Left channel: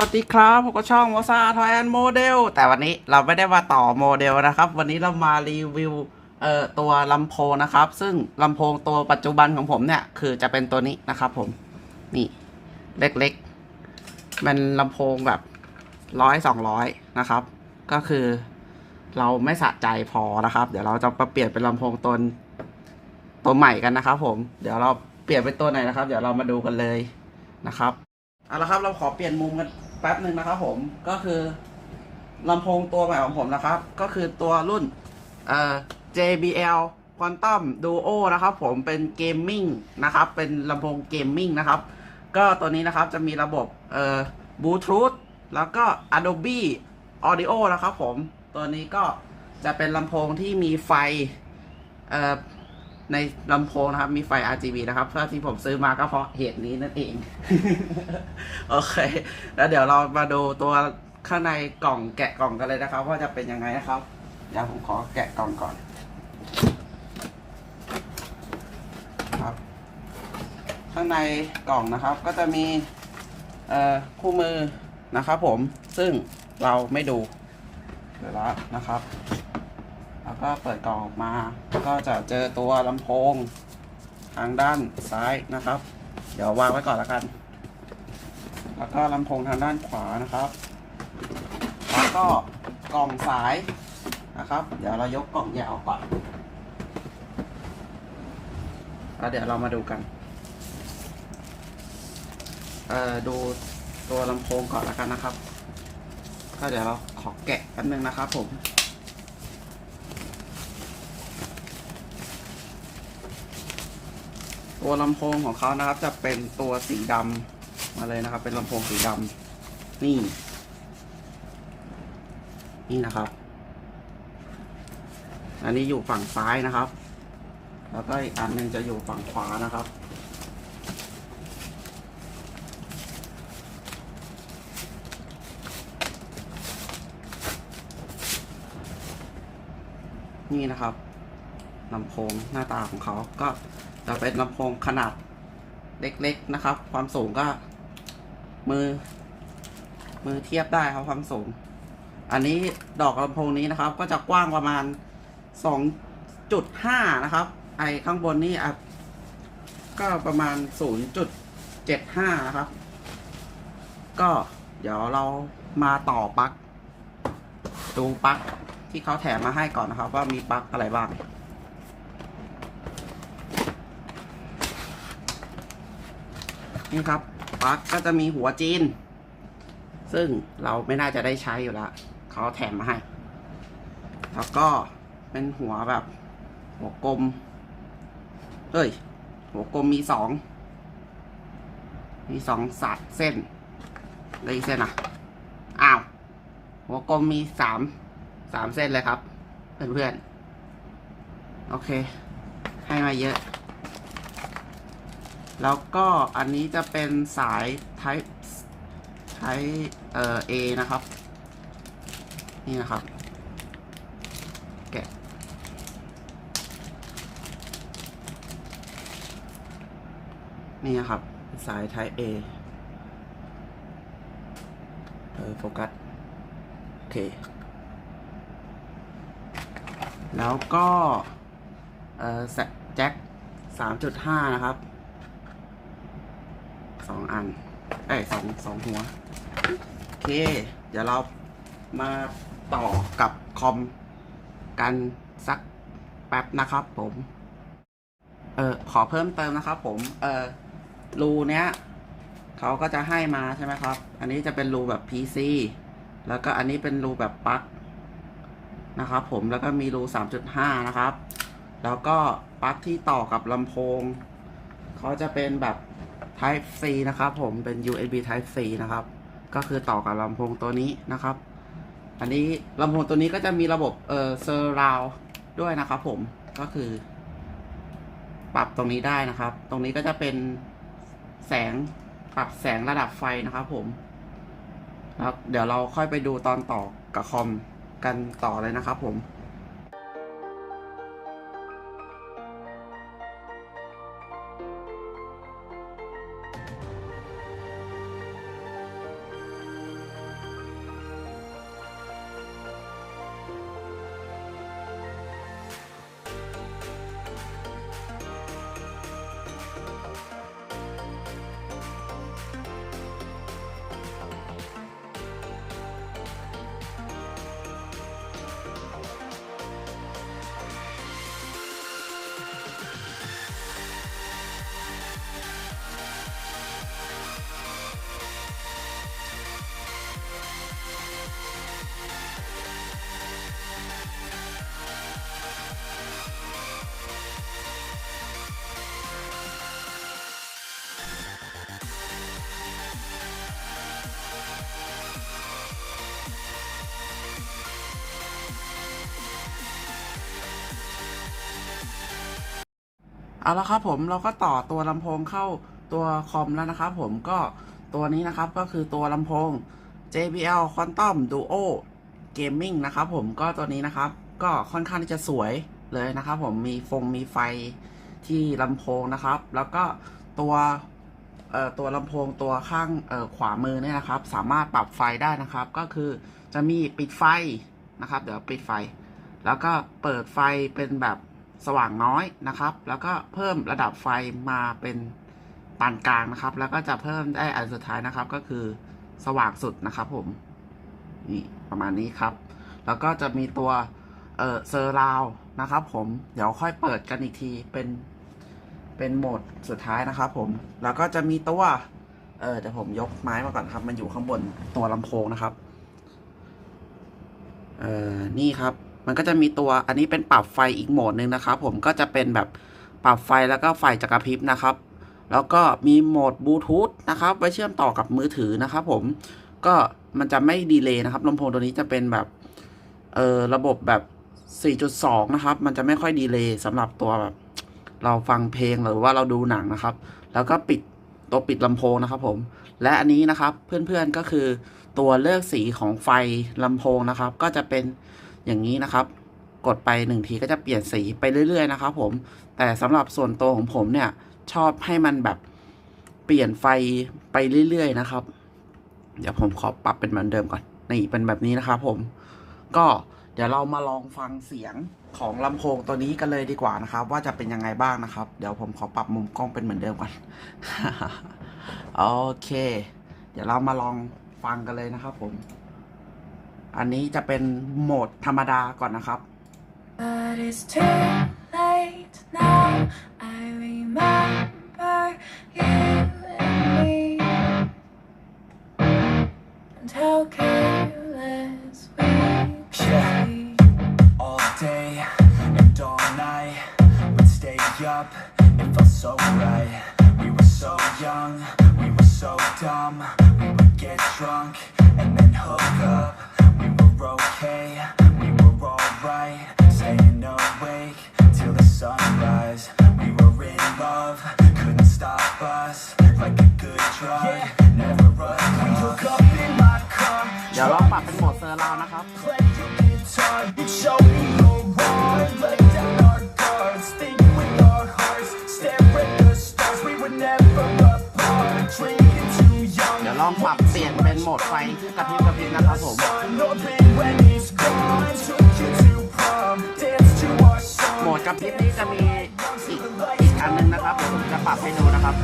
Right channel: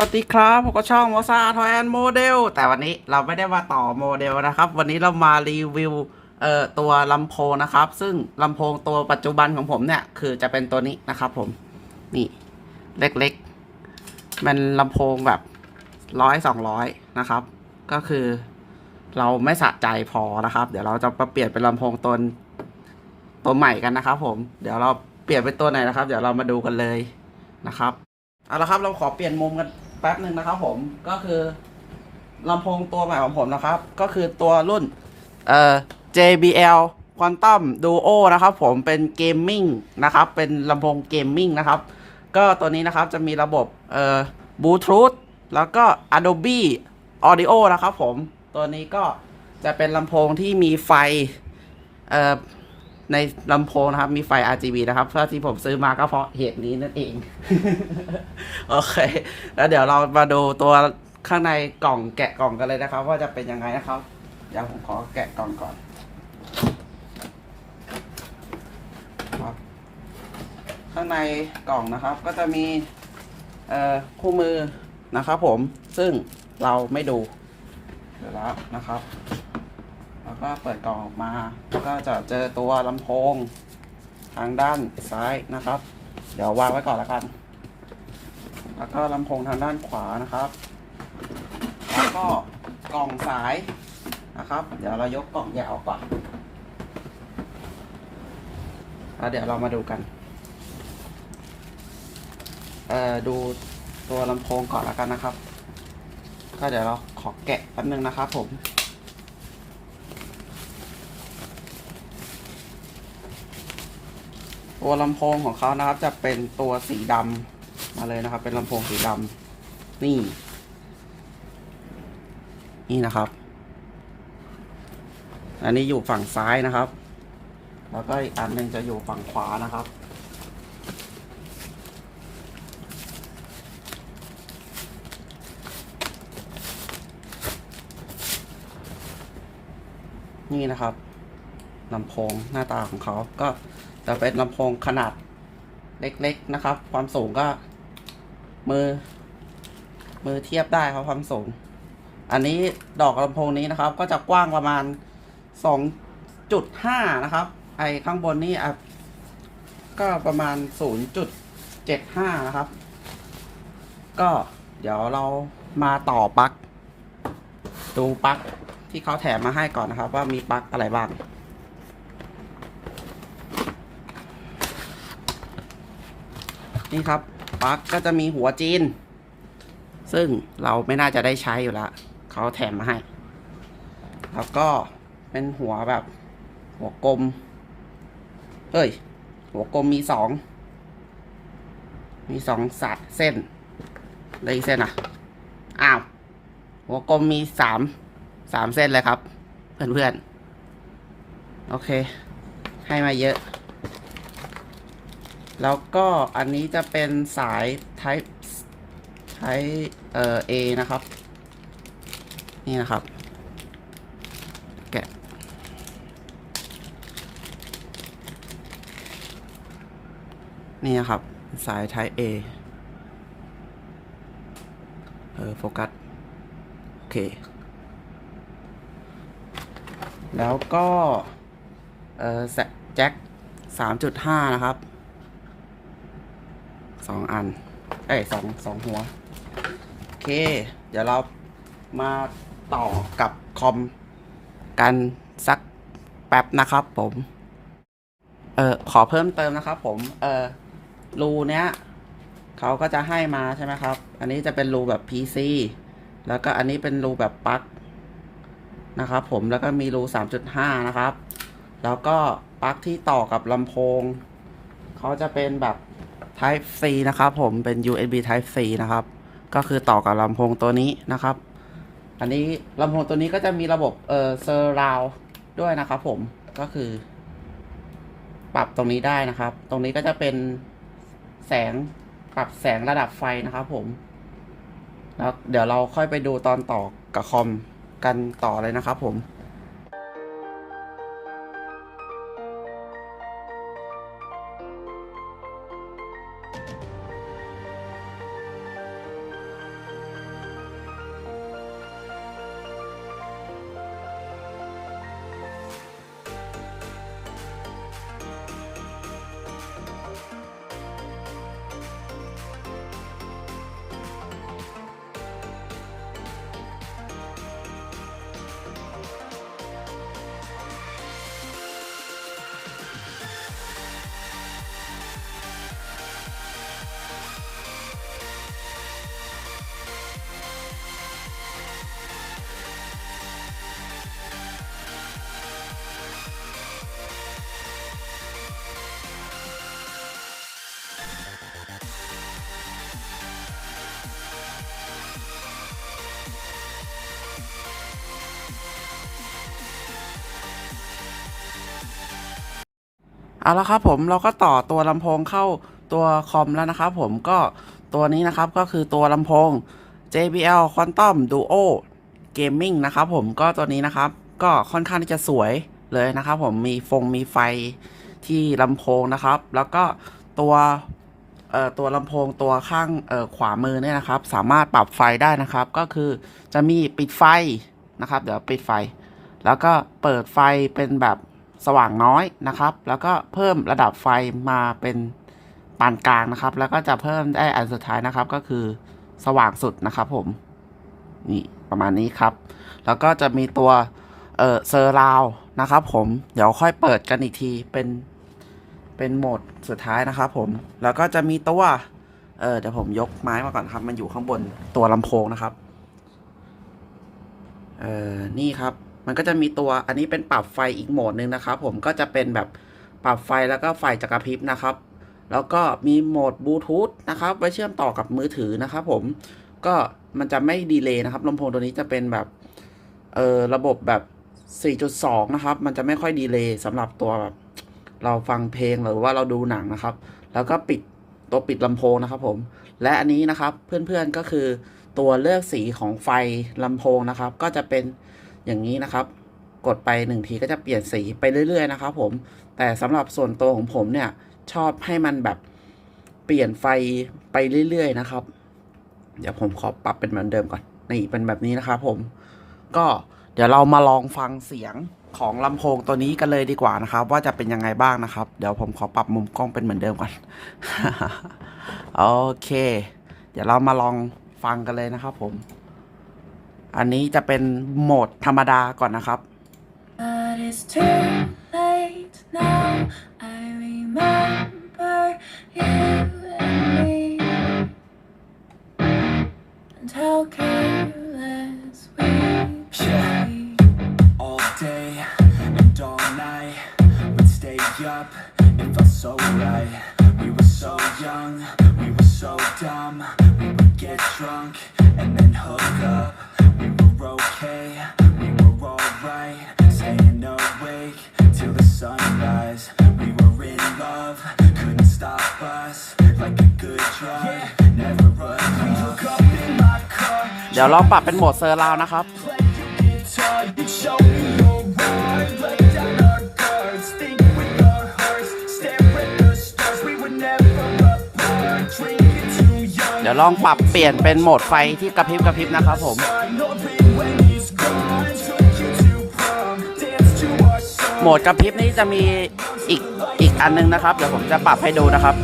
วัสดีครับผมก็ช่องมอซาทอยแอนโมเดลแต่วันนี้เราไม่ได้มาต่อโมเดลนะครับ วันนี้เรามารีวิวเอ่อตัวลำโพงนะครับ ซึ่งลำโพงตัวปัจจุบันของผมเนี่ย คือจะเป็นตัวนี้นะครับผม นี่เล็กๆ มันลำโพงแบบร้อยสองร้อยนะครับ ก็คือเราไม่สะใจพอนะครับ เดี๋ยวเราจะมาเปลี่ยนเป็นลำโพงตัวตัวใหม่กันนะครับผม เดี๋ยวเราเปลี่ยนเป็นตัวไหนนะครับ เดี๋ยวเรามาดูกันเลยนะครับเอาละครับ เราขอเปลี่ยนมุมกัน แป๊บหนึ่งนะครับผมก็คือลำโพงตัวใหม่ของผมนะครับ ก็คือตัวรุ่นเอ่อ JBL Quantum Duo นะครับ ผมเป็นเกมมิ่งนะครับ เป็นลำโพงเกมมิ่งนะครับ ก็ตัวนี้นะครับจะมีระบบเอ่อบลูทูธแล้วก็ Adobe Audio นะครับผมตัวนี้ก็จะเป็นลำโพงที่มีไฟเอ่อ ในลำโพงนะครับ มีไฟ RGB นะครับเพื่อที่ผมซื้อมาก็เพราะเหตุนี้นั่นเอง โอเค แล้วเดี๋ยวเรามาดูตัวข้างในกล่องแกะกล่องกันเลยนะครับ ว่าจะเป็นยังไงนะครับ เดี๋ยวผมขอแกะกล่องก่อนครับ ข้างในกล่องนะครับ ก็จะมีคู่มือนะครับผมซึ่งเราไม่ดู เดี๋ยวล้วนะครับ แล้วก็เปิดกล่องออกมาก็จะเจอตัวลำโพงทางด้านซ้ายนะครับ เดี๋ยววางไว้ก่อนแล้วกัน แล้วก็ลำโพงทางด้านขวานะครับ แล้วก็กล่องสายนะครับ เดี๋ยวเรายกกล่องแยกออกก่อนแล้วเดี๋ยวเรามาดูกันเอ่อดูตัวลำโพงก่อนแล้วกันนะครับก็เดี๋ยวเราขอแกะแป๊บนึงนะครับผม ตัวลำโพงของเขานะครับจะเป็นตัวสีดำมาเลยนะครับ เป็นลำโพงสีดำนี่ นี่นะครับ อันนี้อยู่ฝั่งซ้ายนะครับ แล้วก็อีกอันหนึ่งจะอยู่ฝั่งขวานะครับนี่นะครับลำโพงหน้าตาของเขาก็ จะเป็นลำโพงขนาดเล็กๆนะครับ ความสูงก็ มือ มือเทียบได้ครับความสูง อันนี้ดอกลำโพงนี้นะครับ ก็จะกว้างประมาณ 2.5 นะครับ ไอข้างบนนี่อะก็ประมาณ 0.75 นะครับ ก็เดี๋ยวเรามาต่อปลั๊กดูปลั๊กที่เขาแถมมาให้ก่อนนะครับ ว่ามีปลั๊กอะไรบ้าง นี่ครับปลั๊กก็จะมีหัวจีน ซึ่งเราไม่น่าจะได้ใช้อยู่แล้วเขาแถมมาให้ แล้วก็เป็นหัวแบบ หัวกลม เอ้ย หัวกลมมีสอง มีสองสัดเส้นได้อีกเส้นอะ อ้าว หัวกลมมีสามสามเส้นเลยครับ เพื่อนๆ โอเค ให้มาเยอะ แล้วก็อันนี้จะเป็นสาย type ใช้เอ่อ A นะครับ นี่นะครับ แกะ นี่นะครับ สาย type A เออโฟกัส โอเค แล้วก็ เออแจ็คสามจุดห้านะครับ สองอันเอ้ยสองสองหัว โอเค เดี๋ยวเรามาต่อกับคอมกันสักแป๊บนะครับผม เออขอเพิ่มเติมนะครับผม เออรูเนี้ยเขาก็จะให้มาใช่ไหมครับ อันนี้จะเป็นรูแบบ PC แล้วก็อันนี้เป็นรูแบบปลั๊กนะครับผม แล้วก็มีรู 3.5 นะครับ แล้วก็ปลั๊กที่ต่อกับลำโพง เขาจะเป็นแบบ Type C นะครับผมเป็น USB Type C นะครับ ก็คือต่อกับลำโพงตัวนี้นะครับ อันนี้ลำโพงตัวนี้ก็จะมีระบบเอ่อ surround ด้วยนะครับผมก็คือ ปรับตรงนี้ได้นะครับ ตรงนี้ก็จะเป็นแสงปรับแสงระดับไฟนะครับผมแล้วเดี๋ยวเราค่อยไปดูตอนต่อกับคอมกันต่อเลยนะครับผม เอาละครับผมเราก็ต่อตัวลำโพงเข้าตัวคอมแล้วนะครับผมก็ตัวนี้นะครับก็คือตัวลำโพง JBL Quantum Duo Gaming นะครับผมก็ตัวนี้นะครับ ก็ค่อนข้างที่จะสวยเลยนะครับผมมีฟงมีไฟที่ลำโพงนะครับ แล้วก็ตัวเอ่อตัวลำโพงตัวข้างเอ่อขวามือเนี่ยนะครับ สามารถปรับไฟได้นะครับ ก็คือจะมีปิดไฟนะครับ เดี๋ยวปิดไฟ แล้วก็เปิดไฟเป็นแบบ สว่างน้อยนะครับ แล้วก็เพิ่มระดับไฟมาเป็นปานกลางนะครับ แล้วก็จะเพิ่มได้อันสุดท้ายนะครับ ก็คือสว่างสุดนะครับผม นี่ประมาณนี้ครับ แล้วก็จะมีตัวเออเซอร์ราวนะครับ ผมเดี๋ยวค่อยเปิดกันอีกทีเป็นเป็นโหมดสุดท้ายนะครับ ผม แล้วก็จะมีตัวเออเดี๋ยวผมยกไม้มาก่อนครับ มันอยู่ข้างบนตัวลำโพงนะครับ เออนี่ครับ มันก็จะมีตัวอันนี้เป็นปรับไฟอีกโหมดหนึ่งนะครับผมก็จะเป็นแบบปรับไฟแล้วก็ไฟจะกระพริบนะครับ แล้วก็มีโหมดบลูทูธนะครับไว้เชื่อมต่อกับมือถือนะครับผมก็มันจะไม่ดีเลย์นะครับลำโพงตัวนี้จะเป็นแบบเออระบบแบบ 4.2 นะครับ มันจะไม่ค่อยดีเลย์สำหรับตัวแบบเราฟังเพลงหรือว่าเราดูหนังนะครับ แล้วก็ปิดตัวปิดลำโพงนะครับผม และอันนี้นะครับเพื่อนๆก็คือตัวเลือกสีของไฟลำโพงนะครับ ก็จะเป็น อย่างนี้นะครับ กดไปหนึ่งทีก็จะเปลี่ยนสีไปเรื่อย ๆ นะครับผม แต่สำหรับส่วนตัวของผมเนี่ยชอบให้มันแบบเปลี่ยนไฟไปเรื่อย ๆ นะครับ เดี๋ยวผมขอปรับเป็นเหมือนเดิมก่อน นี่เป็นแบบนี้นะครับผม ก็เดี๋ยวเรามาลองฟังเสียงของลำโพงตัวนี้กันเลยดีกว่านะครับ ว่าจะเป็นยังไงบ้างนะครับ เดี๋ยวผมขอปรับมุมกล้องเป็นเหมือนเดิมก่อน โอเค เดี๋ยวเรามาลองฟังกันเลยนะครับผม อันนี้จะเป็นโหมดธรรมดาก่อนนะครับ But it's too late now. I remember you and me, and how careless we Yeah. could be. all day and all night. We'd stay up, it felt so right. Stop us. Like a good drug, never enough. Hook up in my car. เดี๋ยวลองปรับเป็นโหมดเซอร์ราวนะครับ Play your guitar, show me your heart. Let down our guards, think with our hearts. Stare at the stars, we were never apart. Drinking too young. เดี๋ยวลองปรับเปลี่ยนเป็นโหมดไฟที่กระพริบกระพริบนะครับผม Know that when he's gone, took you to prom. Dance to our song. โหมดกระพริบนี้จะมี อีกอีกอันนึงนะครับ เดี๋ยวผมจะปรับให้ดูนะครับ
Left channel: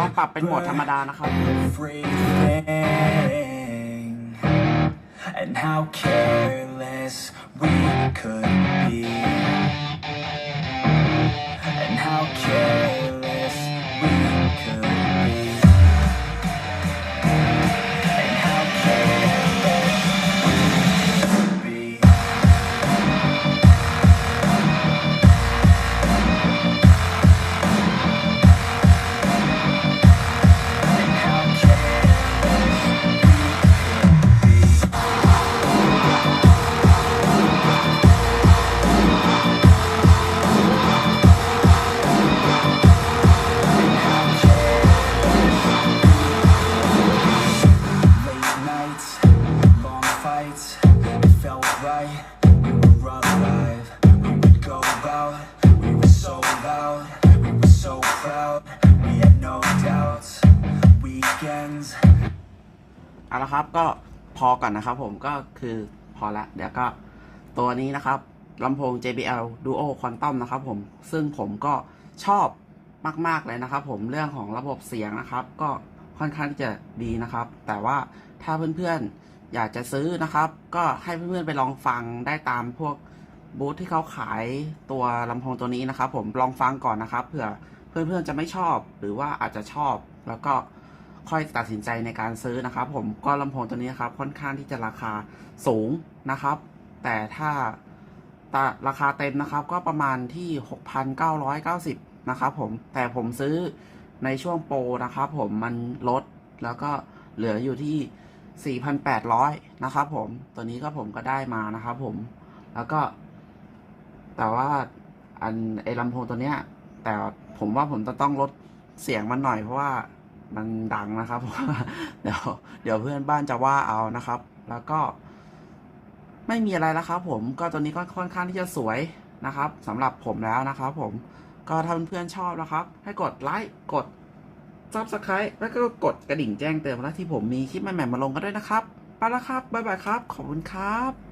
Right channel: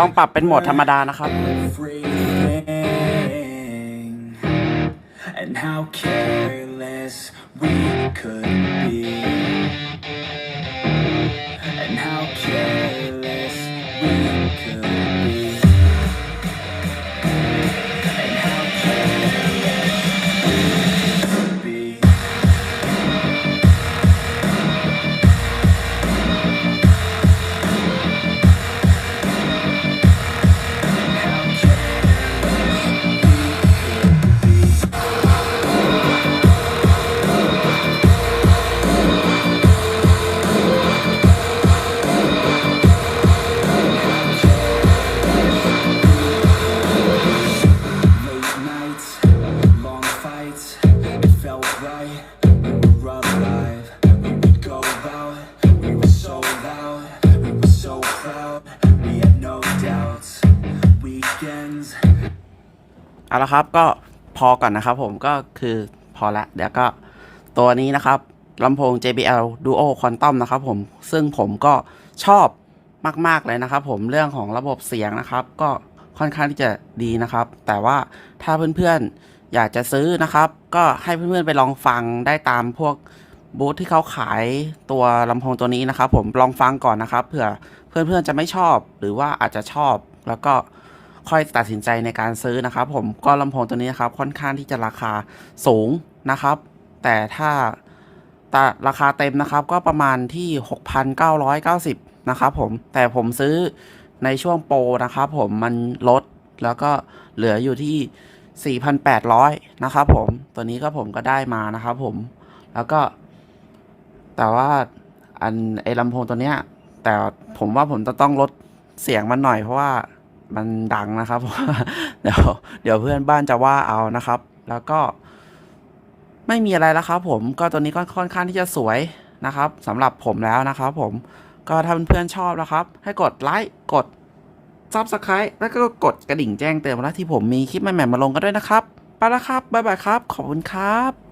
ลองปรับเป็นโหมดธรรมดานะครับ and how careless we could เอาละครับก็พอก่อนนะครับผมก็คือพอละเดี๋ยวก็ตัวนี้นะครับลำโพง JBL Duo Quantum นะครับผมซึ่งผมก็ชอบมาก ๆ เลยนะครับผมเรื่องของระบบเสียงนะครับ ก็ค่อนข้างที่จะดีนะครับ แต่ว่าถ้าเพื่อน ๆ อยากจะซื้อนะครับ ก็ให้เพื่อนๆไปลองฟังได้ตามพวกบูธที่เขาขายตัวลำโพงตัวนี้นะครับ ผมลองฟังก่อนนะครับเผื่อเพื่อนๆจะไม่ชอบหรือว่าอาจจะชอบแล้วก็ค่อยตัดสินใจในการซื้อนะครับ ผมก็ลำโพงตัวนี้นะครับค่อนข้างที่จะราคาสูงนะครับ แต่ถ้าแต่ราคาเต็มนะครับก็ประมาณที่ 6,990 นะครับผมแต่ผมซื้อในช่วงโปรนะครับผมมันลดแล้วก็เหลืออยู่ที่ 4,800 นะครับผมตัวนี้ก็ผมก็ได้มานะครับผมแล้วก็ แต่ว่าอันไอ้ลำโพงตัวเนี้ย แต่ผมว่าผมจะต้องลดเสียงมันหน่อยเพราะว่ามันดังนะครับเดี๋ยวเดี๋ยวเพื่อนบ้านจะว่าเอานะครับ แล้วก็ ไม่มีอะไรแล้วครับผมก็ตัวนี้ก็ค่อนข้างที่จะสวยนะครับสำหรับผมแล้วนะครับผมก็ถ้าเพื่อนๆชอบนะครับ ให้กดไลค์กด ซับสไครต์แล้วก็กดกระดิ่งแจ้งเตือนเวลาที่ผมมีคลิปใหม่ๆมาลงกันด้วยนะครับ ไปแล้วครับ บ๊ายบายครับ ขอบคุณครับ